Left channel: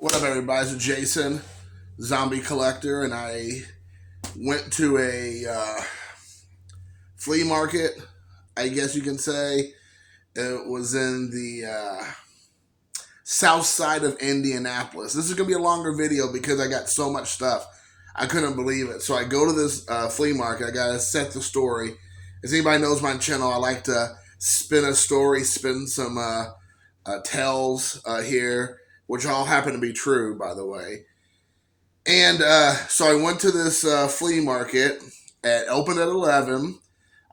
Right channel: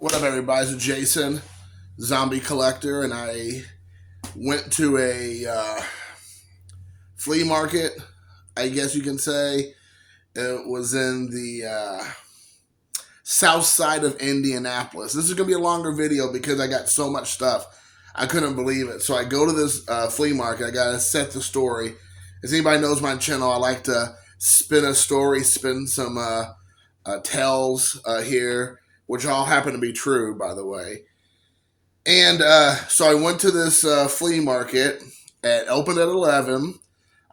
What up, everybody? It's Jason, Zombie Collector, and I went to a flea market, I guess you can say. It was in the south side of Indianapolis. This is going to be a longer video because I got so much stuff. I couldn't believe it. So I go to this flea market. I got to set the story. As anybody knows my channel, I like to spin a story, spin some tales here, which all happen to be true, by the way. And so I went to this flea market. It opened at 11.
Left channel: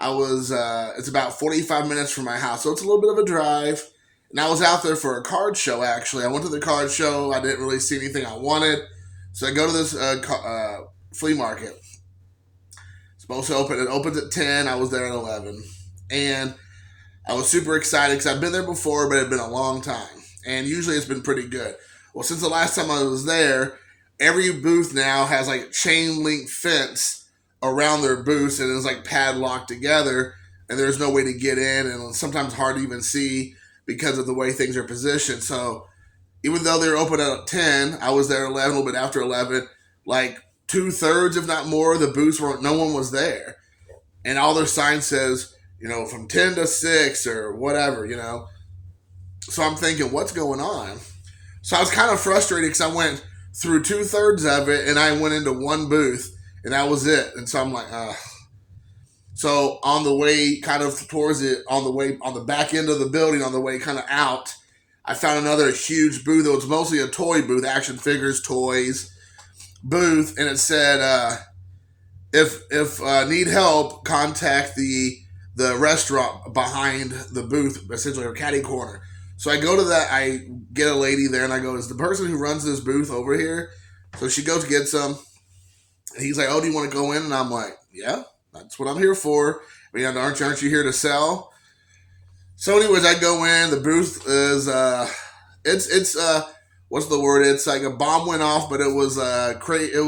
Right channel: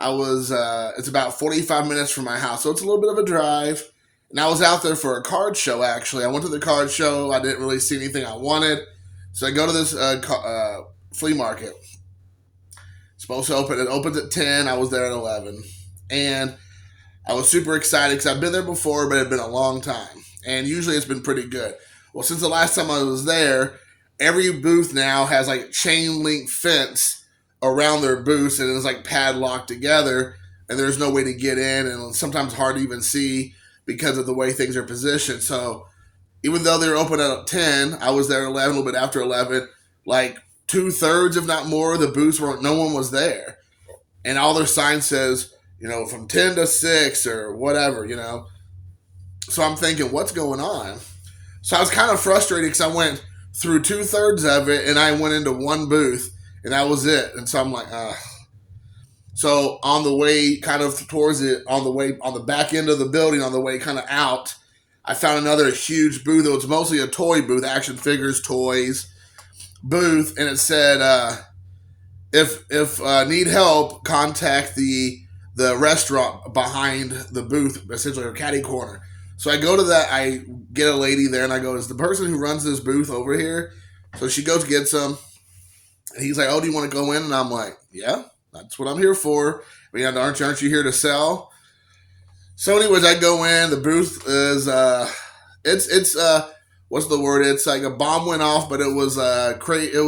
It's about 45 minutes from my house, so it's a little bit of a drive. And I was out there for a card show, actually. I went to the card show. I didn't really see anything I wanted. So I go to this flea market. It's supposed to open. It opens at 10. I was there at 11. And I was super excited because I've been there before, but it had been a long time. And usually it's been pretty good. Well, since the last time I was there, every booth now has like chain link fence around their booths, and it's like padlocked together, and there's no way to get in, and sometimes hard to even see because of the way things are positioned. So even though they were open at 10, I was there at 11, a little bit after 11. Like 2/3, if not more, of the booths were no one was there, and all their sign says, from 10 to 6 or whatever. So I'm thinking, what's going on? So I was kind of frustrated because I went through 2/3 of it, and I went into one booth, and that was it. And so I'm like, So on the way kind of towards it, on the back end of the building, on the way kind of out, I found another huge booth. It was mostly a toy booth, action figures, toys booth, and it said, if need help, contact the restaurant behind the booth, essentially a caddy corner. So I go to that, I get a lady there, and I go, is the person who runs this booth over here? So she goes, gets some, and he's like, oh, do you want to go in? And I'm like, yeah, that's what I'm here for. I mean, aren't you here to sell? So anyways, I go in, the booth is, it's what's the word? It's like a bomb went off, but it was, even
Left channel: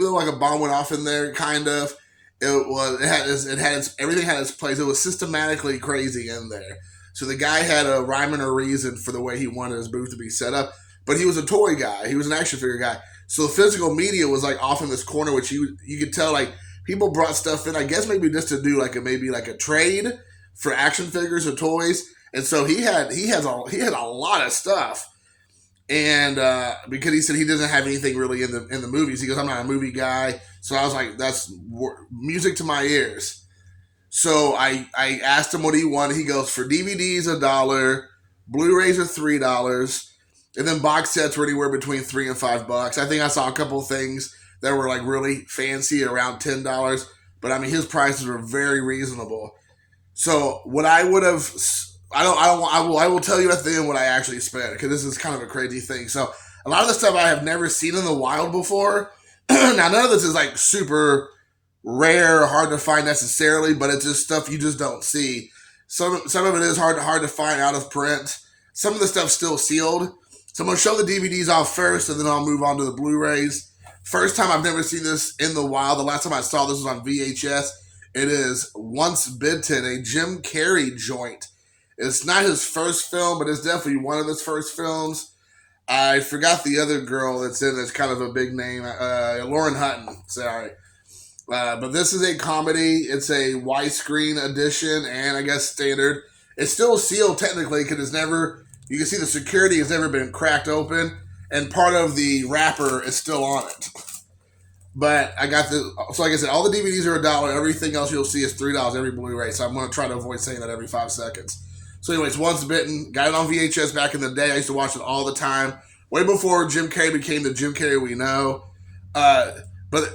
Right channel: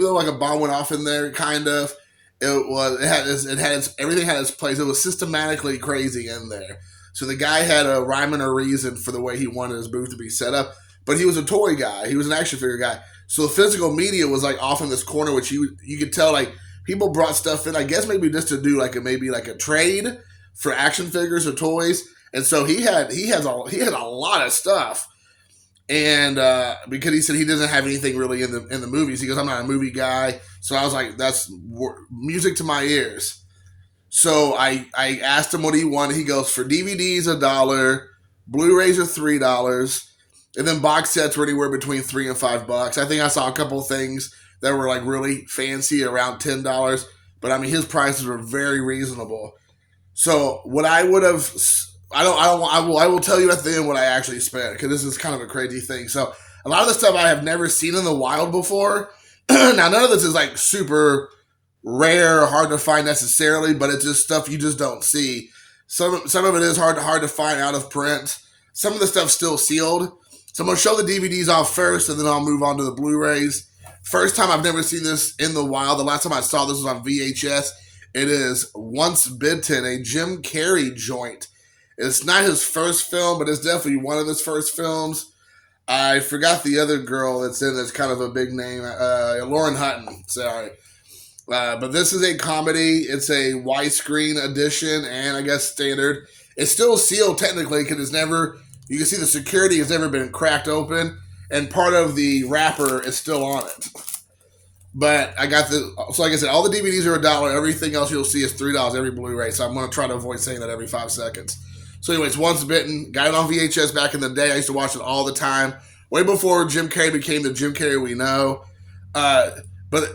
though like a bomb went off in there, kind of, everything had its place. It was systematically crazy in there. So the guy had a rhyme and a reason for the way he wanted his booth to be set up. But he was a toy guy. He was an action figure guy. So the physical media was like off in this corner, which you could tell like people brought stuff in. I guess maybe just to do like a trade for action figures or toys. And so he had a lot of stuff. And because he said he doesn't have anything really in the movies, he goes, I'm not a movie guy. So I was like, that's music to my ears. So I asked him what he wanted. He goes, for DVDs $1, Blu-rays are $3, and then box sets were anywhere between $3 and $5. I think I saw a couple of things that were like really fancy, around $10. But I mean, his prices were very reasonable. So what I would have, I will tell you at the end what I actually spent, because this is kind of a crazy thing. So a lot of the stuff I have never seen in the wild before. Now none of this is like super rare or hard to find necessarily, but it's just stuff you just don't see. Some of it is hard to find out of print. Some of the stuff's still sealed. So I'm going to show the DVDs off first, and then I'll move on to the Blu-rays. First time I've never seen this in the wild. The last time I saw this was on VHS. It is Once Bitten, a Jim Carrey joint. It's not his first film, but it's definitely one of his first films. I forgot the other girl that's in it's kind of a big name. Lauren Hutton. Sorry. But this is a comedy. It's a widescreen edition and I guess standard. It's still sealed technically because you can see the security has never been cracked open, and part of the wrapper is still on it. But so like I said, all the DVDs are $1. Everything else you'll see is $3 every Blu-ray. So I'm going to try to avoid saying that every 5 seconds. So anyways, Once Bitten, got it on VHS back in the day. I used to watch it all the time. Way before Jim Carrey became the Jim Carrey we know. But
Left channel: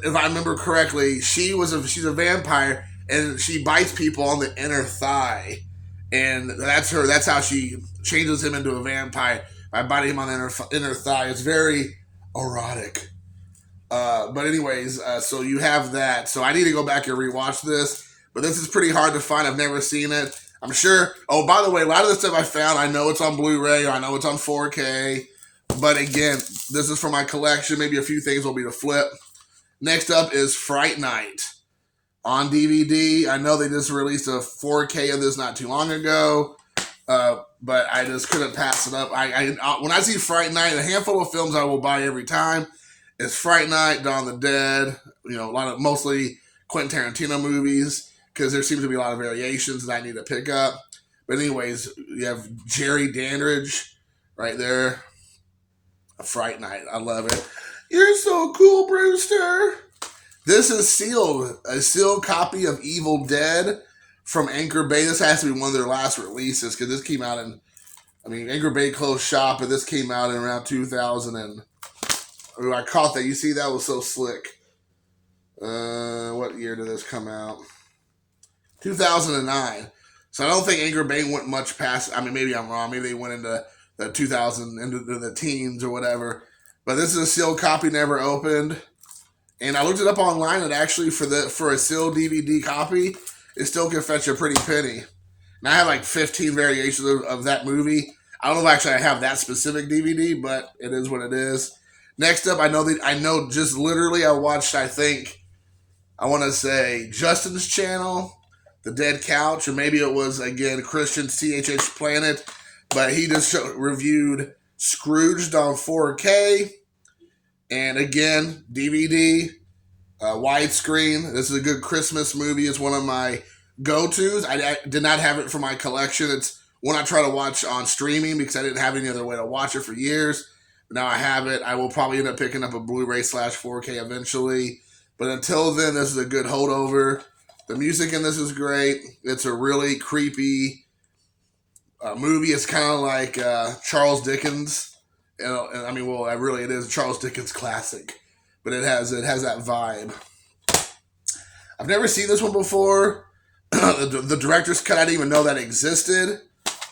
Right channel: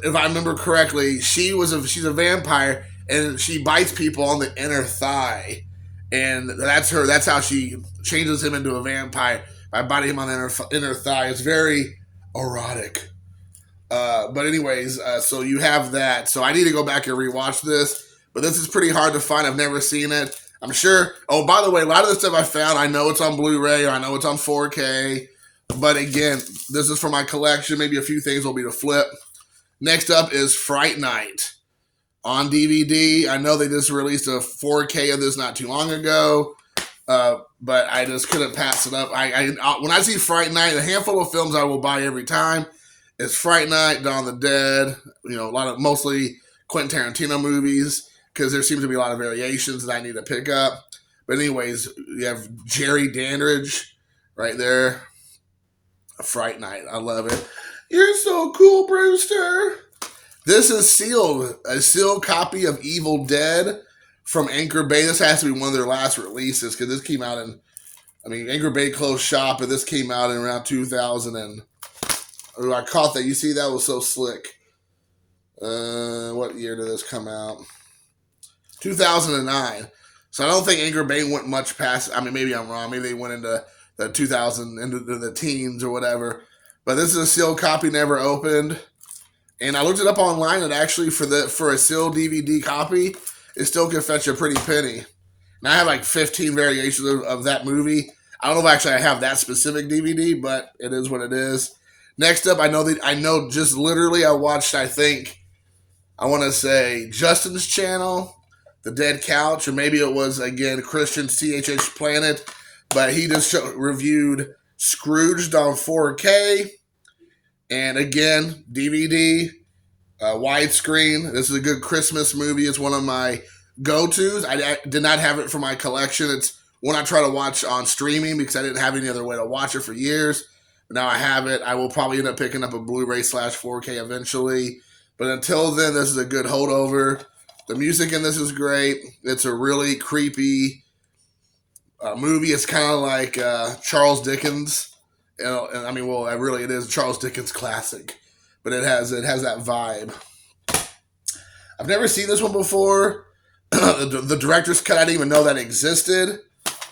if I remember correctly, she's a vampire, and she bites people on the inner thigh. And that's how she changes him into a vampire, by biting him on the inner thigh. It's very erotic. But anyways, so you have that. So I need to go back and rewatch this. But this is pretty hard to find. I've never seen it. I'm sure. Oh, by the way, a lot of the stuff I found, I know it's on Blu-ray, or I know it's on 4K. But again, this is for my collection. Maybe a few things will be to flip. Next up is Fright Night on DVD. I know they just released a 4K of this not too long ago. But I just couldn't pass it up. When I see Fright Night, a handful of films I will buy every time is Fright Night, Dawn of the Dead. A lot of mostly Quentin Tarantino movies because there seems to be a lot of variations that I need to pick up. But anyways, you have Jerry Dandridge right there. A Fright Night, I love it. You're so cool, Brewster. This is sealed, a sealed copy of Evil Dead from Anchor Bay. This has to be one of their last releases because this came out Anchor Bay closed shop, but this came out in around 2000 and I caught that. You see, that was so slick. What year did this come out? 2009. So I don't think Anchor Bay went much past. Maybe I'm wrong. Maybe they went into the 2000, into the teens or whatever. But this is a sealed copy, never opened. And I looked it up online, and actually for a sealed DVD copy, it still can fetch a pretty penny. And I have like 15 variations of that movie. I don't know if actually I have that specific DVD, but it is what it is. Next up, I know just literally I watched, I want to say Justin's channel, The Dead Couch, or maybe it was, again, Christian CHH Planet, but he just reviewed Scrooged on 4K, and again, DVD, widescreen. This is a good Christmas movie. It's one of my go-tos. I did not have it for my collection. It's one I try to watch on streaming because I didn't have any other way to watch it for years. But now I have it. I will probably end up picking up a Blu-ray / 4K eventually. But until then, this is a good holdover. The music in this is great. It's a really creepy movie. It's kind of like Charles Dickens. It is a Charles Dickens classic. But it has that vibe. I've never seen this one before. The director's cut, I didn't even know that existed.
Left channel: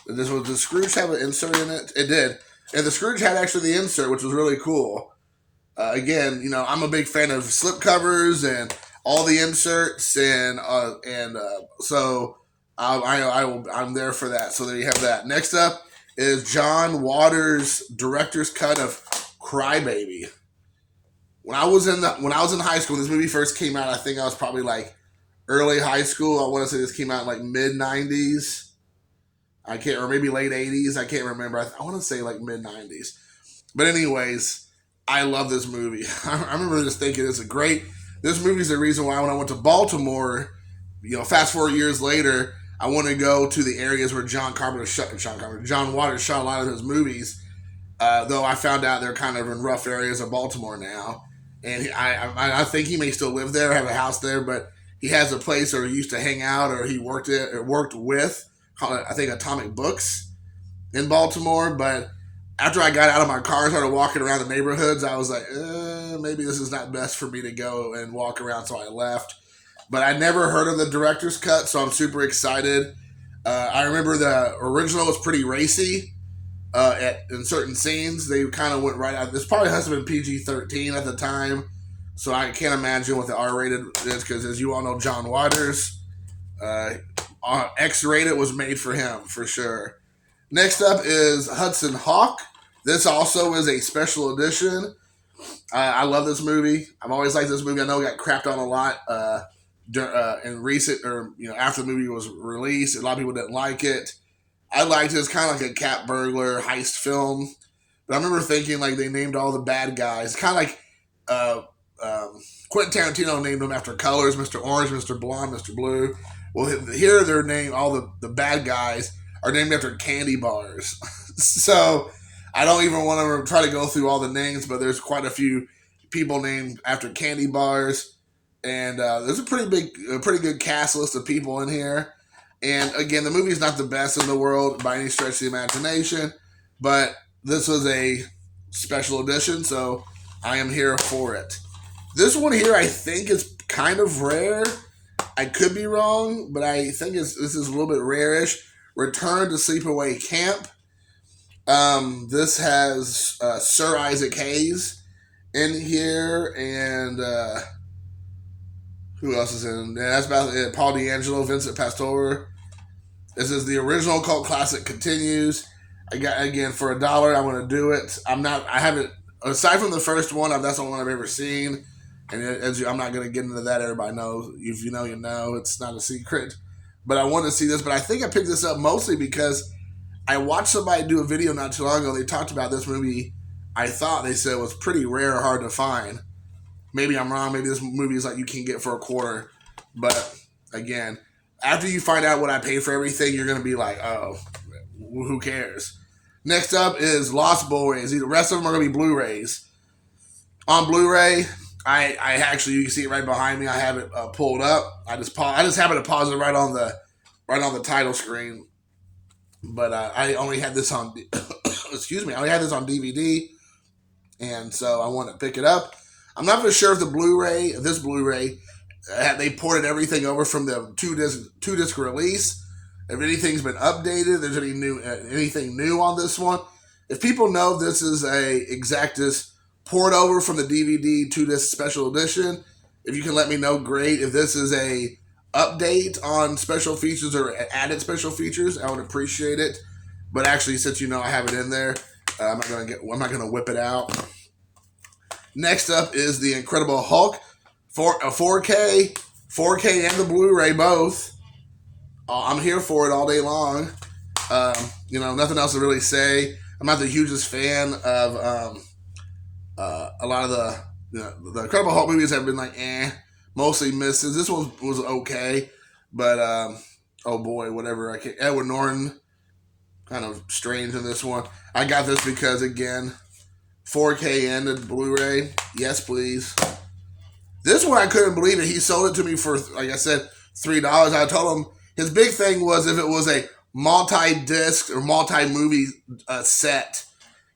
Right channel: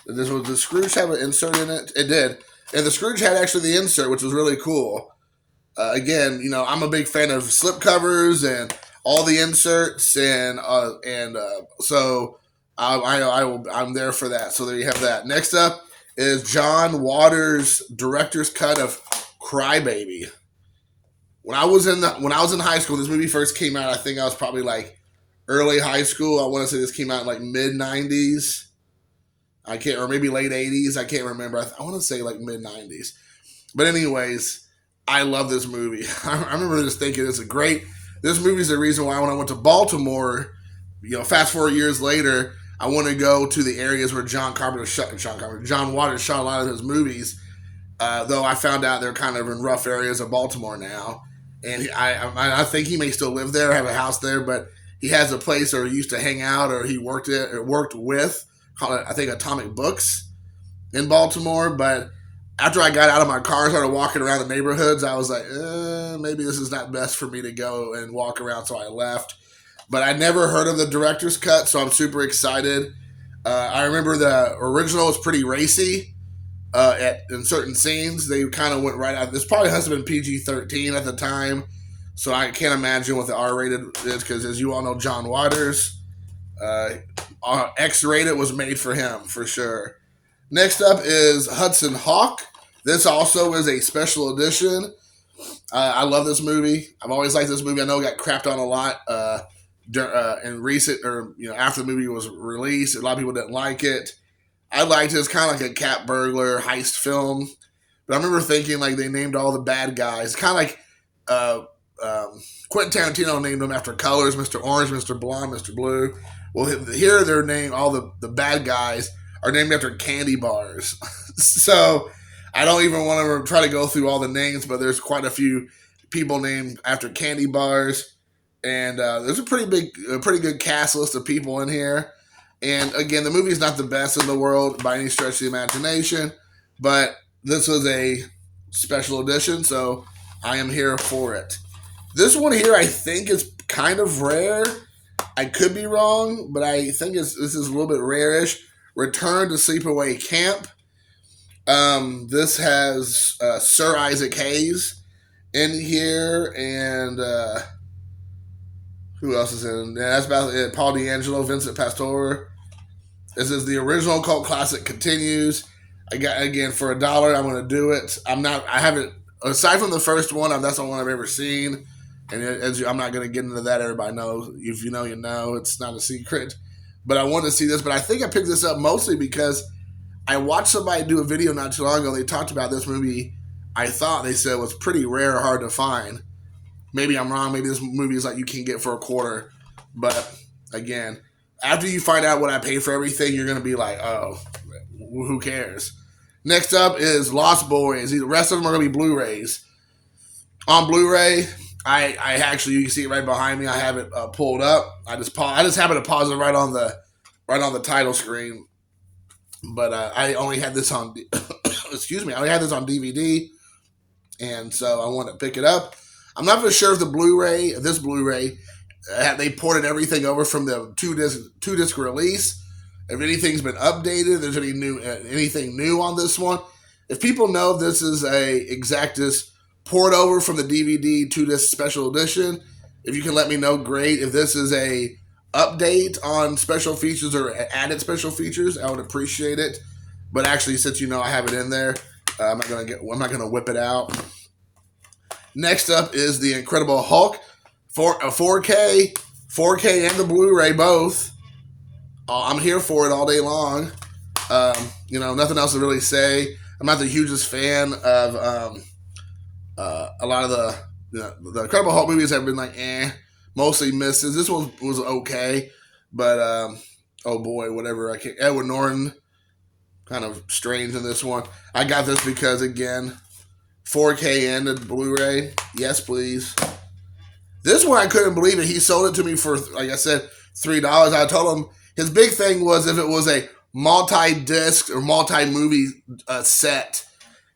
Did Scrooge have an insert in it? It did. And the Scrooge had actually the insert, which was really cool. Again, I'm a big fan of slipcovers and all the inserts, so I'm there for that. So there you have that. Next up is John Waters' director's cut of Crybaby. When I was in high school, this movie first came out. I think I was probably like early high school. I want to say this came out in like mid 90s. Or maybe late 80s. I can't remember. I want to say like mid 90s. But anyways, I love this movie. I remember just thinking this movie is the reason why when I went to Baltimore, fast forward years later, I want to go to the areas where John Waters shot a lot of his movies. Though I found out they're kind of in rough areas of Baltimore now. And I think he may still live there, have a house there, but he has a place where he used to hang out or he worked with, called I think Atomic Books in Baltimore. But after I got out of my car and started walking around the neighborhoods, I was like, maybe this is not best for me to go and walk around, so I left. But I never heard of the director's cut, so I'm super excited. I remember the original was pretty racy in certain scenes. They kind of went right out. This probably has been PG-13 at the time, so I can't imagine what the R-rated is because, as you all know, John Waters, X-rated was made for him, for sure. Next up is Hudson Hawk. This also is a special edition. I love this movie. I've always liked this movie. I know it got crapped on a lot in recent, after the movie was released. A lot of people didn't like it. I liked it. It's kind of like a cat burglar heist film. But I remember thinking like they named all the bad guys. Kind of like Quentin Tarantino named them after colors. Mr. Orange, Mr. Blonde, Mr. Blue. Well, here they're named, all the bad guys are named after candy bars. So I don't even want to try to go through all the names, but there's quite a few people named after candy bars. And there's a pretty good cast list of people in here. And again, the movie is not the best in the world by any stretch of the imagination, but this was a special edition, so I am here for it. This one here, I think, is kind of rare. I could be wrong, but I think this is a little bit rare-ish. Return to Sleepaway Camp. This has Sir Isaac Hayes in here, and who else is in it? Yeah, that's about it. Paul D'Angelo, Vincent Pastore. This is the original cult classic continues. I got, again, for $1, I want to do it. I haven't, aside from the first one, that's the only one I've ever seen. And I'm not going to get into that. Everybody knows. If you know, you know. It's not a secret. But I wanted to see this. But I think I picked this up mostly because I watched somebody do a video not too long ago. They talked about this movie. I thought they said it was pretty rare, hard to find. Maybe I'm wrong. Maybe this movie is like you can get for a quarter. But again, after you find out what I paid for everything, you're gonna be like, oh, who cares? Next up is Lost Boys. The rest of them are gonna be Blu-rays. On Blu-ray, I actually, you can see it right behind me. I have it pulled up. I just happened to pause it right on the title screen. But I only had this on excuse me. I only had this on DVD, and so I wanted to pick it up. I'm not even sure if this Blu-ray, they ported everything over from the two disc release. If anything's been updated, there's anything new on this one. If people know this is a Exactus port over from the DVD 2-disc special edition, if you can let me know, great. If this is a update on special features or added special features, I would appreciate it. But actually, since you know I have it in there, I'm not gonna whip it out. Next up is the Incredible Hulk, 4K and the Blu-ray both. I'm here for it all day long. Nothing else to really say. I'm not the hugest fan of a lot of the Incredible Hulk movies have been like mostly misses. This one was okay, but oh boy, whatever. Edward Norton, kind of strange in this one. I got this because again, 4K and a Blu-ray. Yes, please. This one I couldn't believe it. He sold it to me for, like I said, $3. I told him his big thing was if it was a multi-disc or multi-movie set,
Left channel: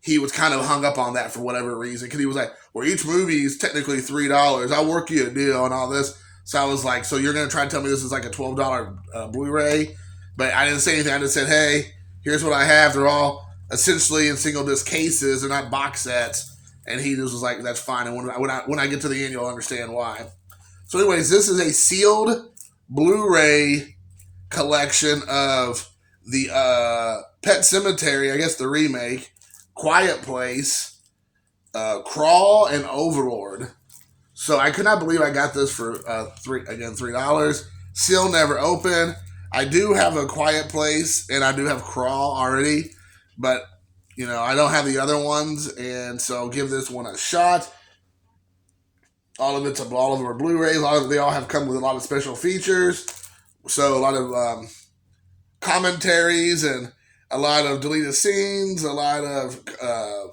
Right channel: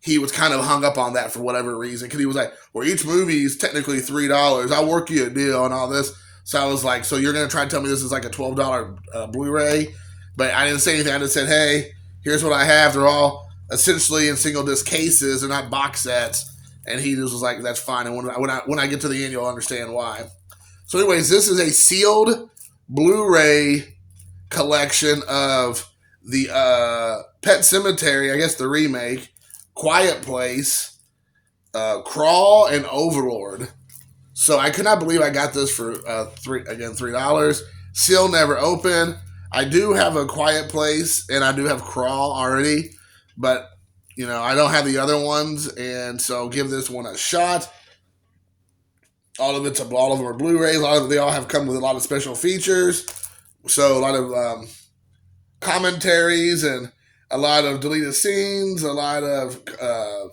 he was kind of hung up on that for whatever reason. Because he was like, well, each movie is technically $3. I'll work you a deal and all this. So I was like, so you're going to try to tell me this is like a $12 Blu-ray? But I didn't say anything. I just said, hey, here's what I have. They're all essentially in single disc cases. They're not box sets. And he just was like, that's fine. And when I get to the end, you'll understand why. So anyways, this is a sealed Blu-ray collection of the Pet Sematary, I guess the remake, Quiet Place, Crawl, and Overlord. So I could not believe I got this for $3. Seal never open. I do have a Quiet Place and I do have Crawl already, but I don't have the other ones, and so give this one a shot. All of them are Blu-rays. They all have come with a lot of special features. So a lot of commentaries and a lot of deleted scenes, a lot of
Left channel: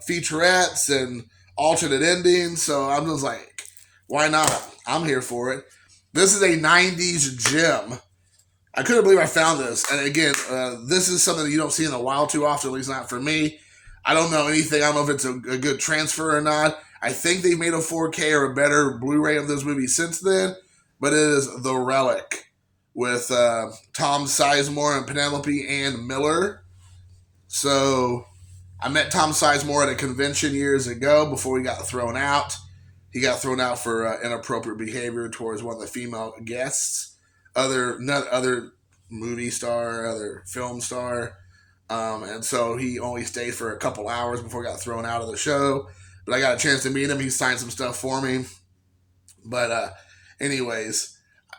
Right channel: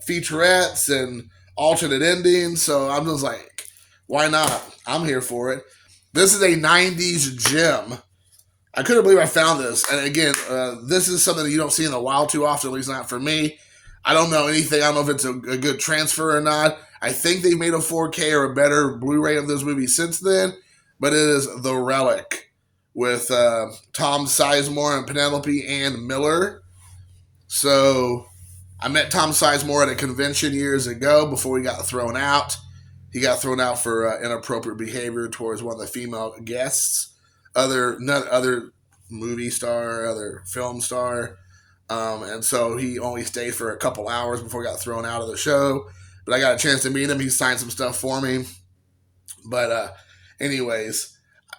featurettes and alternate endings. So I'm just like, why not? I'm here for it. This is a 90s gem. I couldn't believe I found this. And again, this is something that you don't see in the wild too often, at least not for me. I don't know anything. I don't know if it's a good transfer or not. I think they've made a 4K or a better Blu-ray of this movie since then. But it is The Relic with Tom Sizemore and Penelope Ann Miller. So I met Tom Sizemore at a convention years ago before he got thrown out. He got thrown out for inappropriate behavior towards one of the female guests. Other movie star, other film star. And so he only stayed for a couple hours before he got thrown out of the show. But I got a chance to meet him. He signed some stuff for me. But anyways,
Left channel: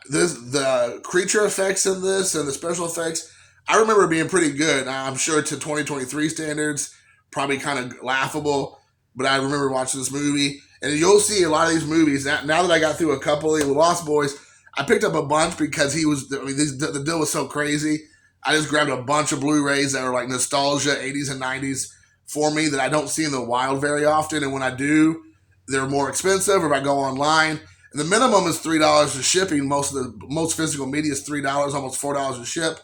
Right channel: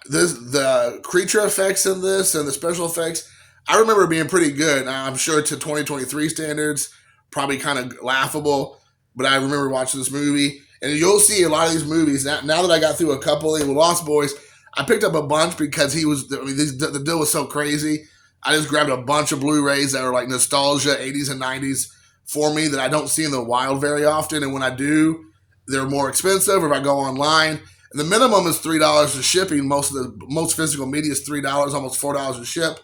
the creature effects in this and the special effects, I remember being pretty good. I'm sure to 2023 standards, probably kind of laughable. But I remember watching this movie. And you'll see a lot of these movies. Now that I got through a couple of Lost Boys, I picked up a bunch because the deal was so crazy. I just grabbed a bunch of Blu-rays that are like nostalgia, 80s and 90s for me that I don't see in the wild very often. And when I do, they're more expensive. Or if I go online, and the minimum is $3 to shipping. Most physical media is $3, almost $4 to ship.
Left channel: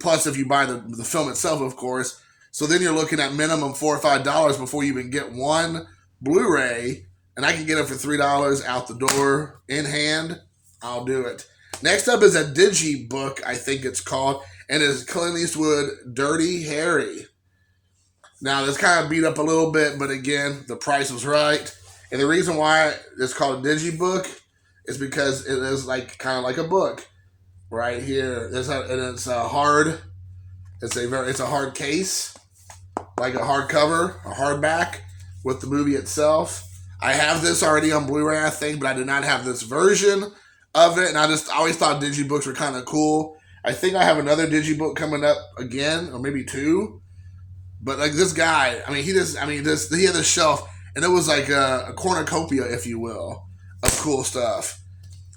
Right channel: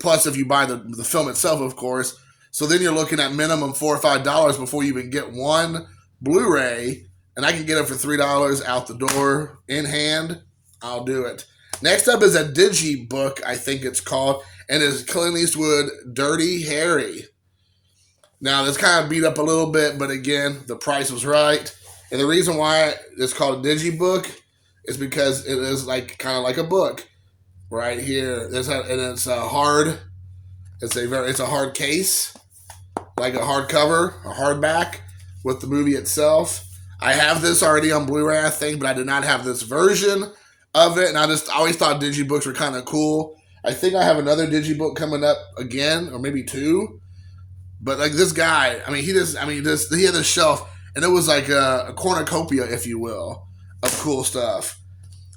Plus, if you buy the film itself, of course. So then you're looking at minimum $4 or $5 before you even get one Blu-ray. And I can get it for $3 out the door in hand. I'll do it. Next up is a Digibook, I think it's called. And it's Clint Eastwood, Dirty Harry. Now, this kind of beat up a little bit, but again, the price was right. And the reason why it's called a Digibook is because it is kind of like a book right here. It's a hard case, like a hardcover, a hardback with the movie itself. I have this already on Blu-ray, I think, but I did not have this version of it. And I always thought Digibooks were kind of cool. I think I have another Digibook coming up again, or maybe two. But like this guy, I mean, he had this shelf, and it was like a cornucopia, if you will, of cool stuff.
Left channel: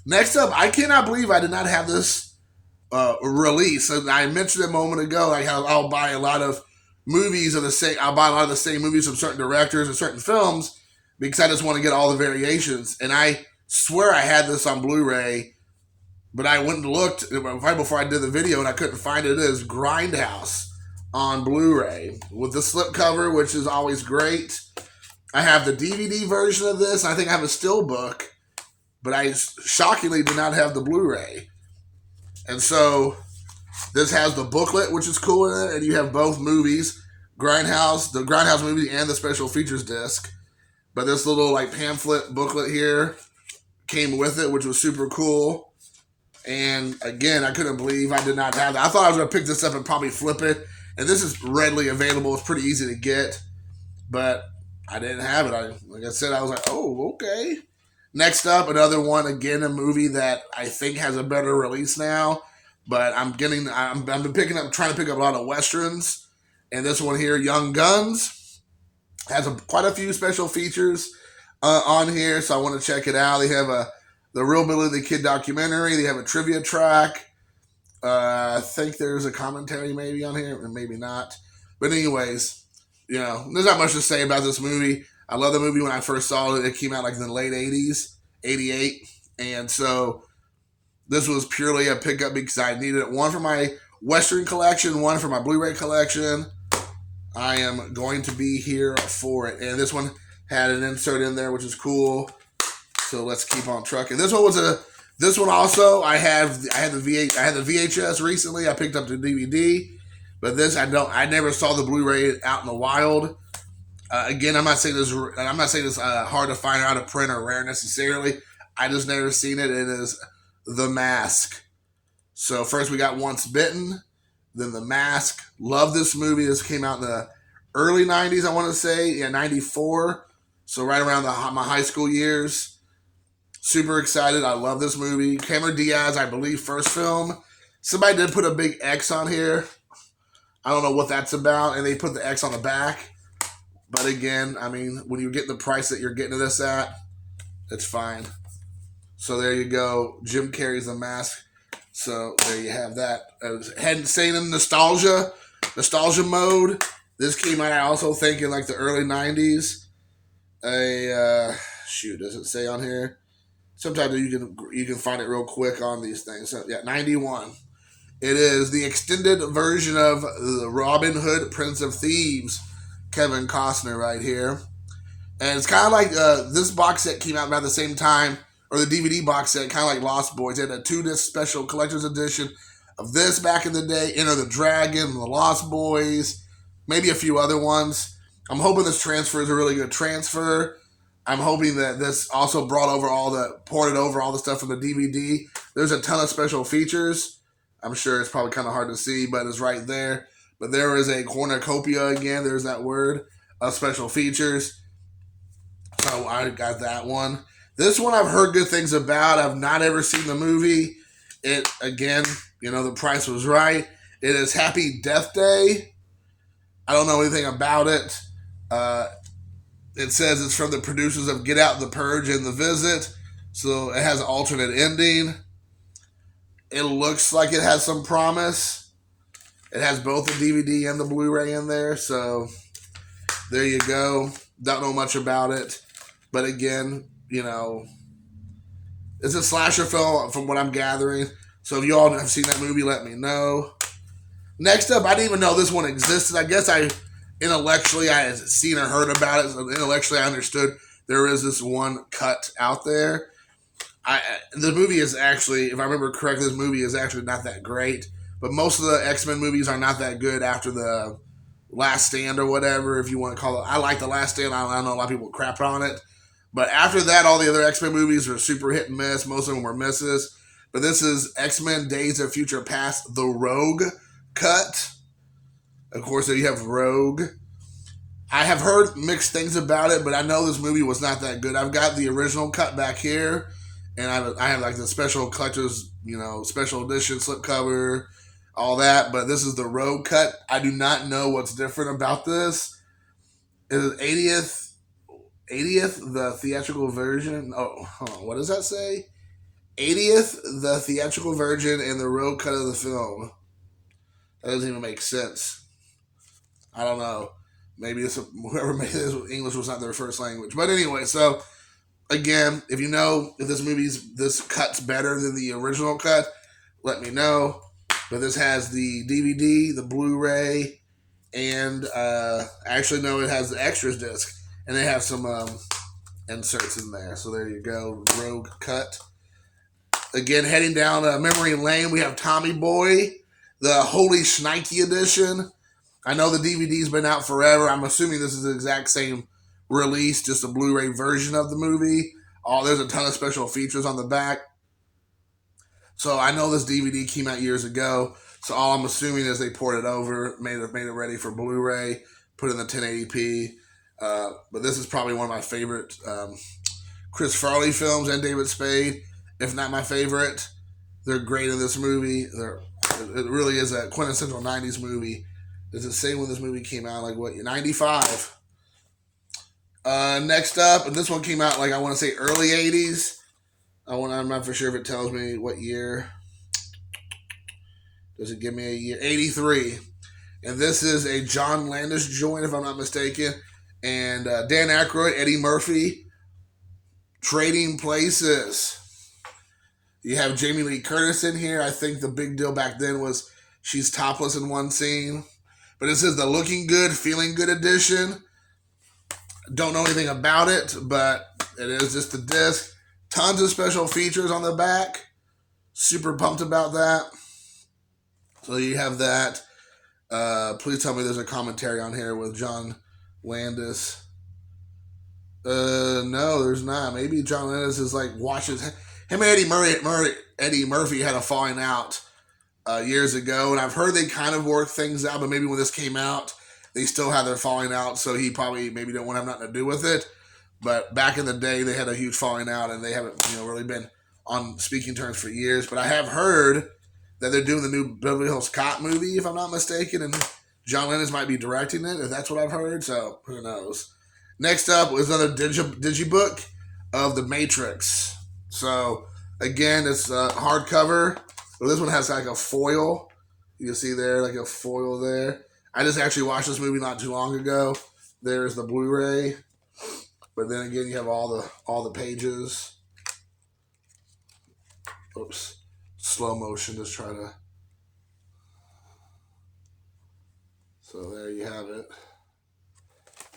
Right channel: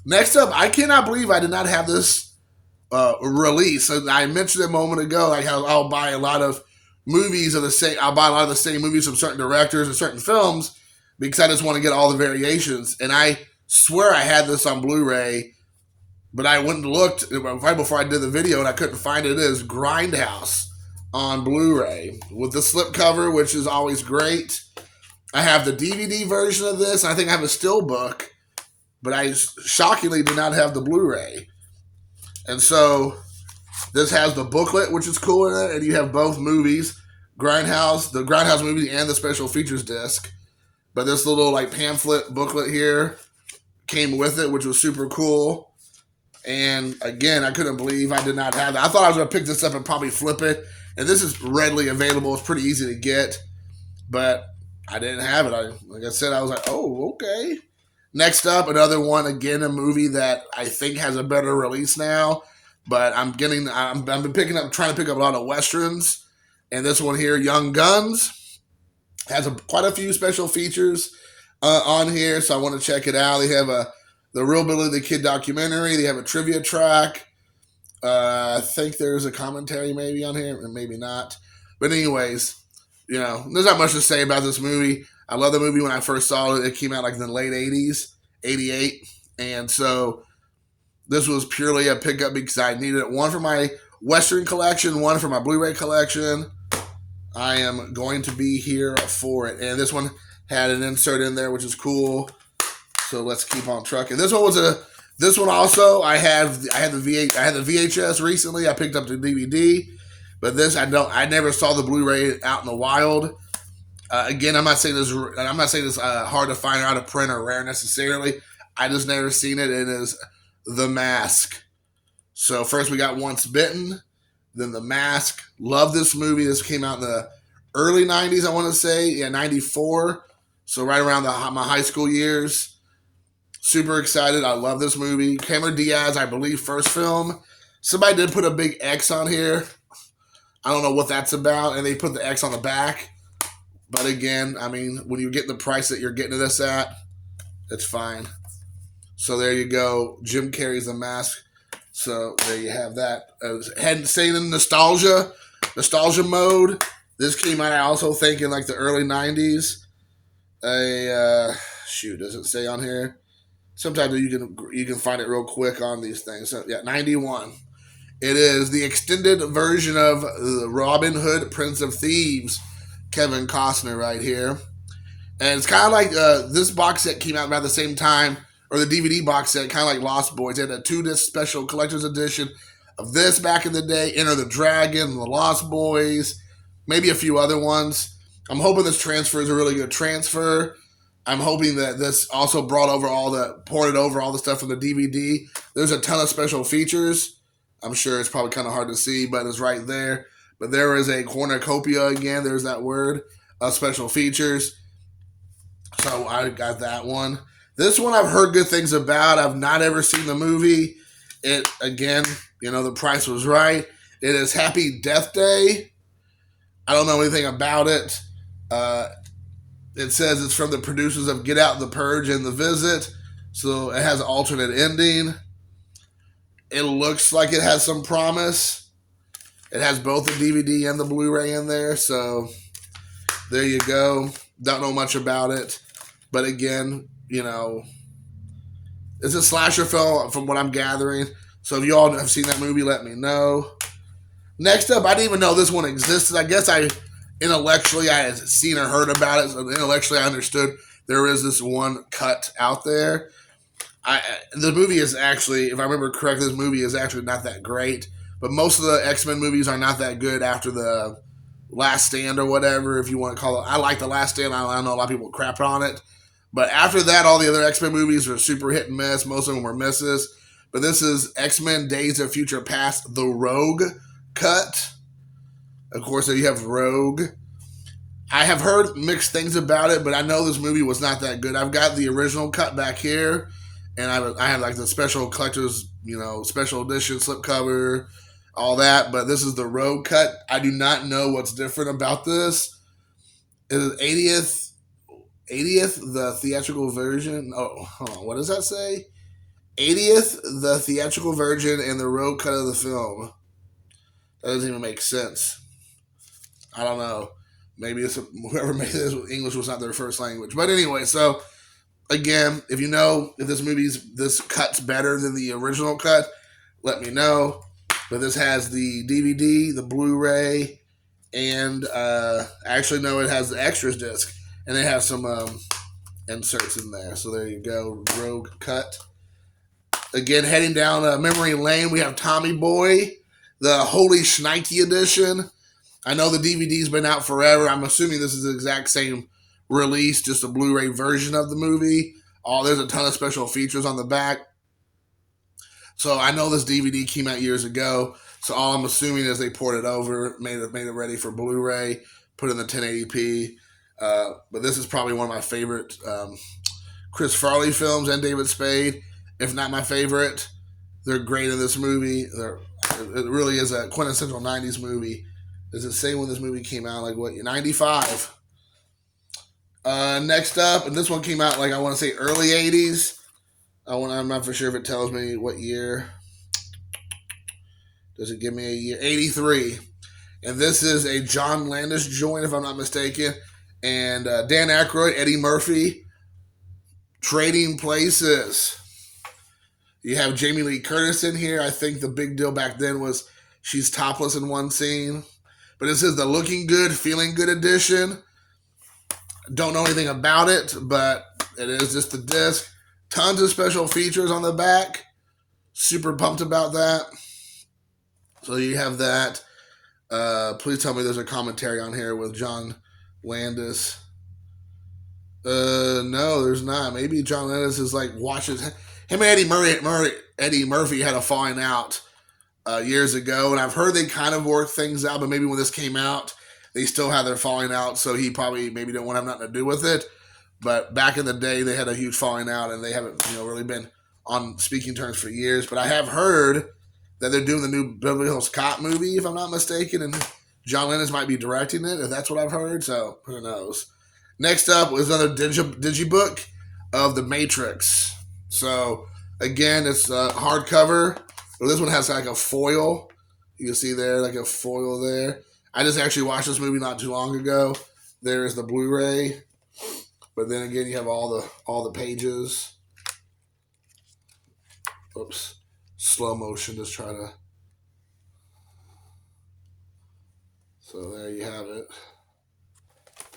Next up, I cannot believe I did not have this release. So I mentioned a moment ago, like how I'll buy a lot of movies of the same. I'll buy a lot of the same movies from certain directors and certain films because I just want to get all the variations. And I swear I had this on Blu-ray, but I went and looked right before I did the video, and I couldn't find it. It is Grindhouse on Blu-ray with the slipcover, which is always great. I have the DVD version of this. I think I have a steelbook, but I shockingly do not have the Blu-ray. And so this has the booklet, which is cool in it, and you have both movies, the Grindhouse movie and the special features disc. But this little like pamphlet booklet here came with it, which was super cool. And again, I couldn't believe I did not have that. I thought I was going to pick this up and probably flip it. And this is readily available. It's pretty easy to get. But I didn't have it. Like I said, I was like, oh, okay. Next up, another one, again, a movie that I think has a better release now. But I've been trying to pick up a lot of Westerns. And this one here, Young Guns, has quite a few special features on here. So I want to check it out. They have the Real Billy the Kid documentary. They have a trivia track. I think there's a commentary maybe on here, or maybe not. But anyways, there's not much to say about this movie. I love the movie when I first saw it. It came out like in the late 80s, 88. And so this was purely a pickup because I needed it. One for my Western collection, one for my Blu-ray collection. I am going to be here for it. And this one had an insert in there, which is cool. So let's keep on trucking. This one also, I had the VHS recently. I picked up the DVD. But this, I never saw the Blu-ray out in the wild. Again, I'm not saying this hard to find out of print or rare necessarily. I just never seen it. It is The Mask. So first we got Once Bitten, then The Mask. Love this movie. This came out in the early 90s, I want to say. Yeah, 94. So right around my high school years. Super excited. I love this movie. Cameron Diaz, I believe, first film. Somebody did put a big X on here. I don't know what that's about. And they put the X on the back. But again, I mean, when you're getting the price that you're getting this at, it's fine. So there you go. Jim Carrey's The Mask. So there you have that. Saying in nostalgia mode, this came out, I also think, in like the early 90s. Does it say on here? Sometimes you can find it real quick on these things. So, yeah, 91. It is the extended version of the Robin Hood, Prince of Thieves, Kevin Costner right here. And it's kind of like this box set came out about the same time, or the DVD box set, kind of like Lost Boys. They had a 2-disc special collector's edition of this back in the day, Enter the Dragon, The Lost Boys, maybe a few other ones. I'm hoping this transfer is a really good transfer. I'm hoping that this also ported over all the stuff from the DVD. There's a ton of special features. I'm sure it's probably kind of hard to see, but it's right there. But there is a cornucopia again. There's that word of special features. So I got that one. This one I've heard good things about. I've not ever seen the movie. It, again, the price was right. It is Happy Death Day. I don't know anything about it. It says it's from the producers of Get Out, The Purge, and The Visit. So it has an alternate ending. It looks like it has some promise. It has both the DVD and the Blu-ray in there. So there you go. Don't know much about it. But again, it's a slasher film from what I'm gathering. So if you all have seen that movie, let me know. Next up, I didn't even know this one existed. I guess intellectually I had seen or heard about it. So intellectually I understood there is this one cut out there. The movie is actually, if I remember correctly, this movie is actually not that great. But most of the X-Men movies are not that good after the Last Stand or whatever, if you want to call it. I like the Last Stand. I know a lot of people crap on it. But after that, all the other X-Men movies were super hit and miss. Most of them were misses. But this is X-Men Days of Future Past, the Rogue cut. Of course, you have Rogue. I have heard mixed things about it, but I know this movie was not that good. I've got the original cut back here, and I have like the special collector's, special edition slipcover, all that. But this is the road cut. I do not know what's different about this. It is 80th the theatrical version. Oh, hold on. What does that say? 80th the theatrical version and the road cut of the film. That doesn't even make sense. I don't know. Maybe it's whoever made this, English was not their first language. But anyway, so again, if you know if this cut's better than the original cut, let me know. But this has the DVD, the Blu-ray, and actually no, it has the extras disc, and they have some inserts in there. So there you go, Rogue cut. Again, heading down memory lane, we have Tommy Boy, the Holy Schnikey edition. I know the DVD's been out forever. I'm assuming this is the exact same release, just a Blu-ray version of the movie. Oh, there's a ton of special features on the back. So I know this DVD came out years ago. So all I'm assuming is they poured it over, made it ready for Blu-ray, put it in the 1080p. But this is probably one of my favorite Chris Farley films and David Spade, if not my favorite. They're great in this movie. It really is a quintessential 90s movie. Does it say when this movie came out? Like what? 95. Next up, and this one came out like I want to say early 80s. I'm not for sure if it tells me what year. Does it give me a year? 83. And this is a John Landis joint, if I'm not mistaken. And Dan Aykroyd, Eddie Murphy, Trading Places. You have Jamie Lee Curtis in here. I think the big deal back then was she's topless in one scene. But this is the Looking Good, Feeling Good edition. Don't know anything about it, but it is just the disc. Tons of special features on the back. Super pumped about that. So you have that. Please tell me there's a commentary on here with John Landis. No, there's not. Maybe John Landis is like watching him and Eddie Murphy had a falling out years ago, and I've heard they kind of worked things out, but maybe when this came out, they still had their falling out, so he probably maybe didn't want to have nothing to do with it. But back in the day, they had a huge falling out, and they haven't really been on speaking terms for years. But I have heard that they're doing the new Beverly Hills Cop movie, if I'm not mistaken, and John Landis might be directing it, if that's what I've heard, so who knows. Next up was another digibook of The Matrix. So, again, it's a hardcover. Well, this one has like a foil. You can see there, like a foil there. I just actually watched this movie not too long ago. There's the Blu-ray. But then again, you have all the pages. Oops. Slow motion, just try to... So there you have it.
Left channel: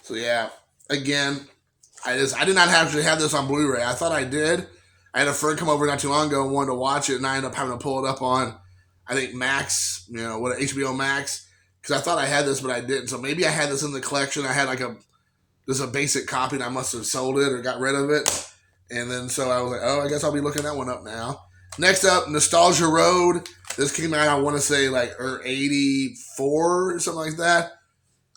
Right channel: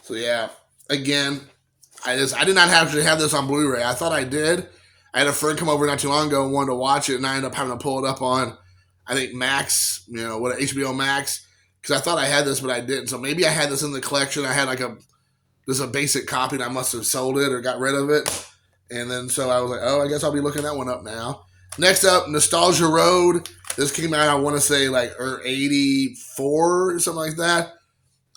So yeah, again, I did not actually have this on Blu-ray. I thought I did. I had a friend come over not too long ago and wanted to watch it, and I ended up having to pull it up on, I think, Max, HBO Max, because I thought I had this, but I didn't. So maybe I had this in the collection. I had like a basic copy, and I must have sold it or got rid of it. And then so I was like, oh, I guess I'll be looking that one up now. Next up, Nostalgia Road. This came out, I want to say, like 84 or something like that.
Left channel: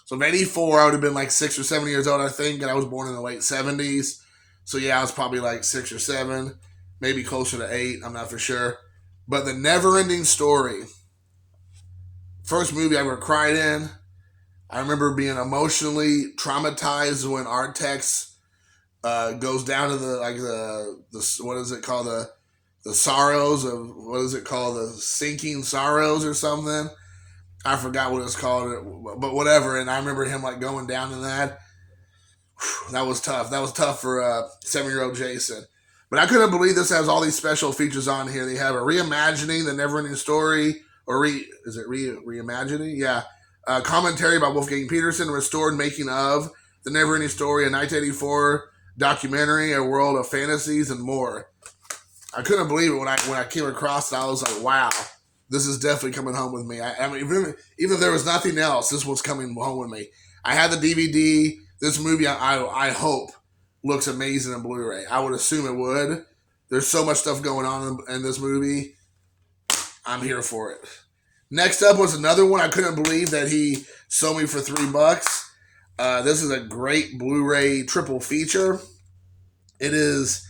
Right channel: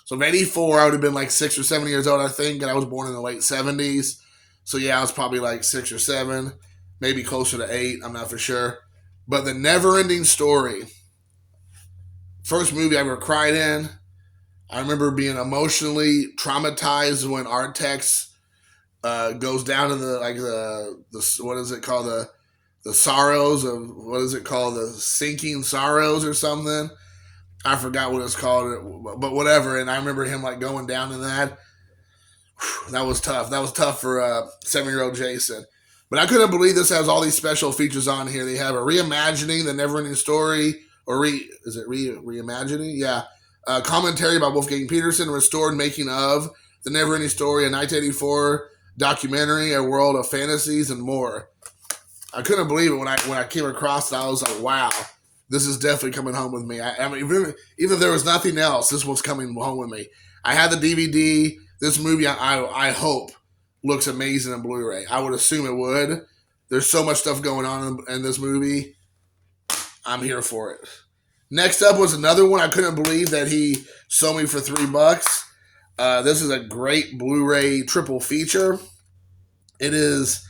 So in 84, I would have been like 6 or 7 years old, I think, and I was born in the late 70s. So yeah, I was probably like 6 or 7, maybe closer to 8, I'm not for sure. But The Never-Ending Story. First movie I ever cried in. I remember being emotionally traumatized when Artex goes down to the what is it called, the sorrows of, what is it called, the sinking sorrows or something. I forgot what it's called, but whatever. And I remember him like going down to that. That was tough. That was tough for 7-year-old Jason. But I couldn't believe this has all these special features on here. They have a reimagining The Never-Ending Story, or reimagining? Yeah. Commentary by Wolfgang Peterson, restored making of The Never-Ending Story, a 1984 documentary, a world of fantasies, and more. I couldn't believe it when I came across it. I was like, wow, this is definitely coming home with me. I mean, even if there was nothing else, this was coming home with me. I had the DVD. This movie, I hope, looks amazing in Blu-ray. I would assume it would. There's so much stuff going on in this movie. I'm here for it. Next up was another one I couldn't believe that he sold me for $3. This is a great Blu-ray triple feature. It is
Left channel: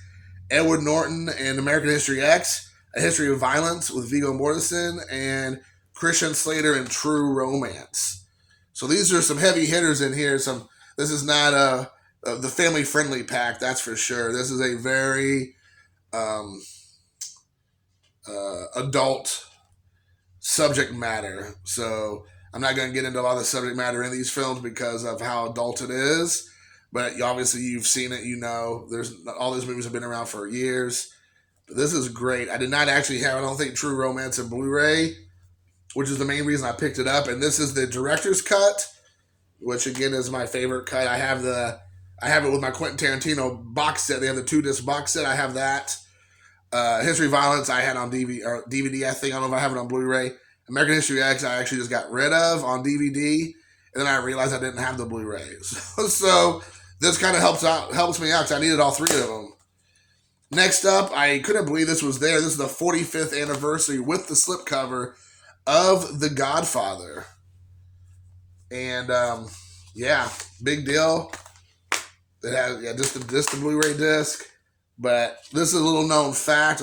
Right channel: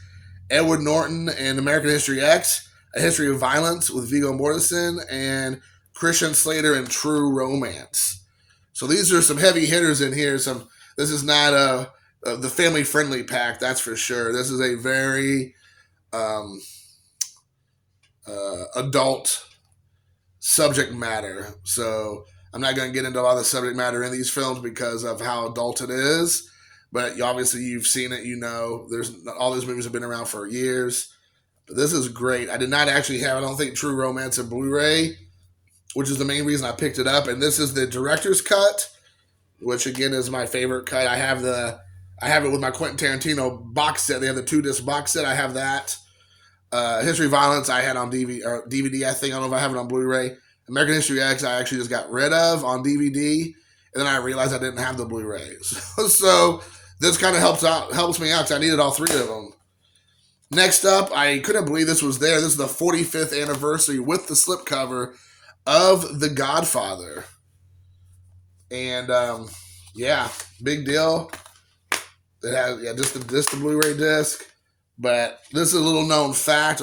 Edward Norton and American History X, A History of Violence with Viggo Mortensen, and Christian Slater, and True Romance. So these are some heavy hitters in here. This is not the family friendly pack, that's for sure. This is a very um, adult subject matter. So I'm not going to get into a lot of the subject matter in these films because of how adult it is. But obviously you've seen it, you know. There's all these movies have been around for years. But this is great. I did not actually have, I don't think, True Romance and Blu-ray, which is the main reason I picked it up. And this is the director's cut, which again is my favorite cut. I have it with my Quentin Tarantino box set. They have the 2-disc box set. I have that. History of Violence I had on DVD, I think. I don't know if I have it on Blu-ray. American History X I actually just got rid of on DVD, and then I realized I didn't have the Blu-ray. So this kind of helps me out because I needed all 3 of them. Next up, I couldn't believe this was there. This is the 45th anniversary with the slipcover of The Godfather. And yeah, big deal. It has just the Blu-ray disc. But this is a little known fact.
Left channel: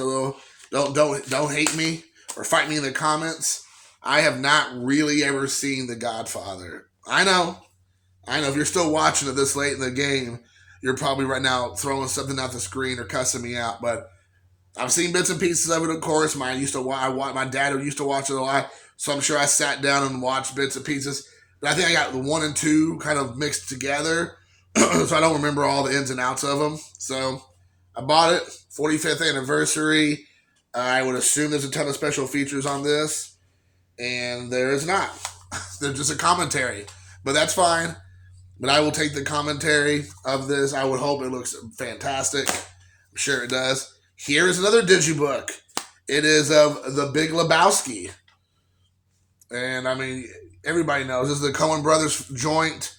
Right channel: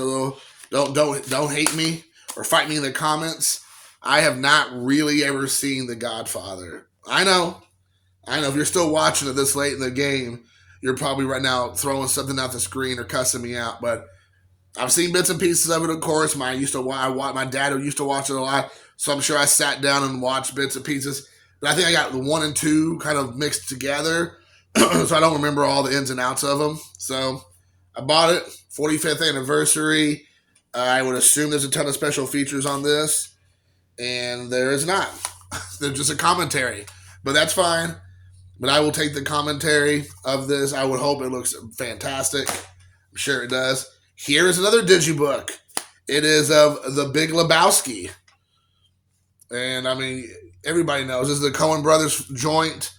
Don't hate me or fight me in the comments. I have not really ever seen The Godfather. I know. If you're still watching it this late in the game, you're probably right now throwing something out the screen or cussing me out. But I've seen bits and pieces of it, of course. My dad used to watch it a lot, so I'm sure I sat down and watched bits and pieces. But I think I got the 1 and 2 kind of mixed together, so I don't remember all the ins and outs of them. So I bought it, 45th anniversary. I would assume there's a ton of special features on this, and there is not. There's just a commentary, but that's fine. But I will take the commentary of this. I would hope it looks fantastic. I'm sure it does. Here's another digibook. It is of The Big Lebowski. And I mean, everybody knows this is the Coen Brothers joint.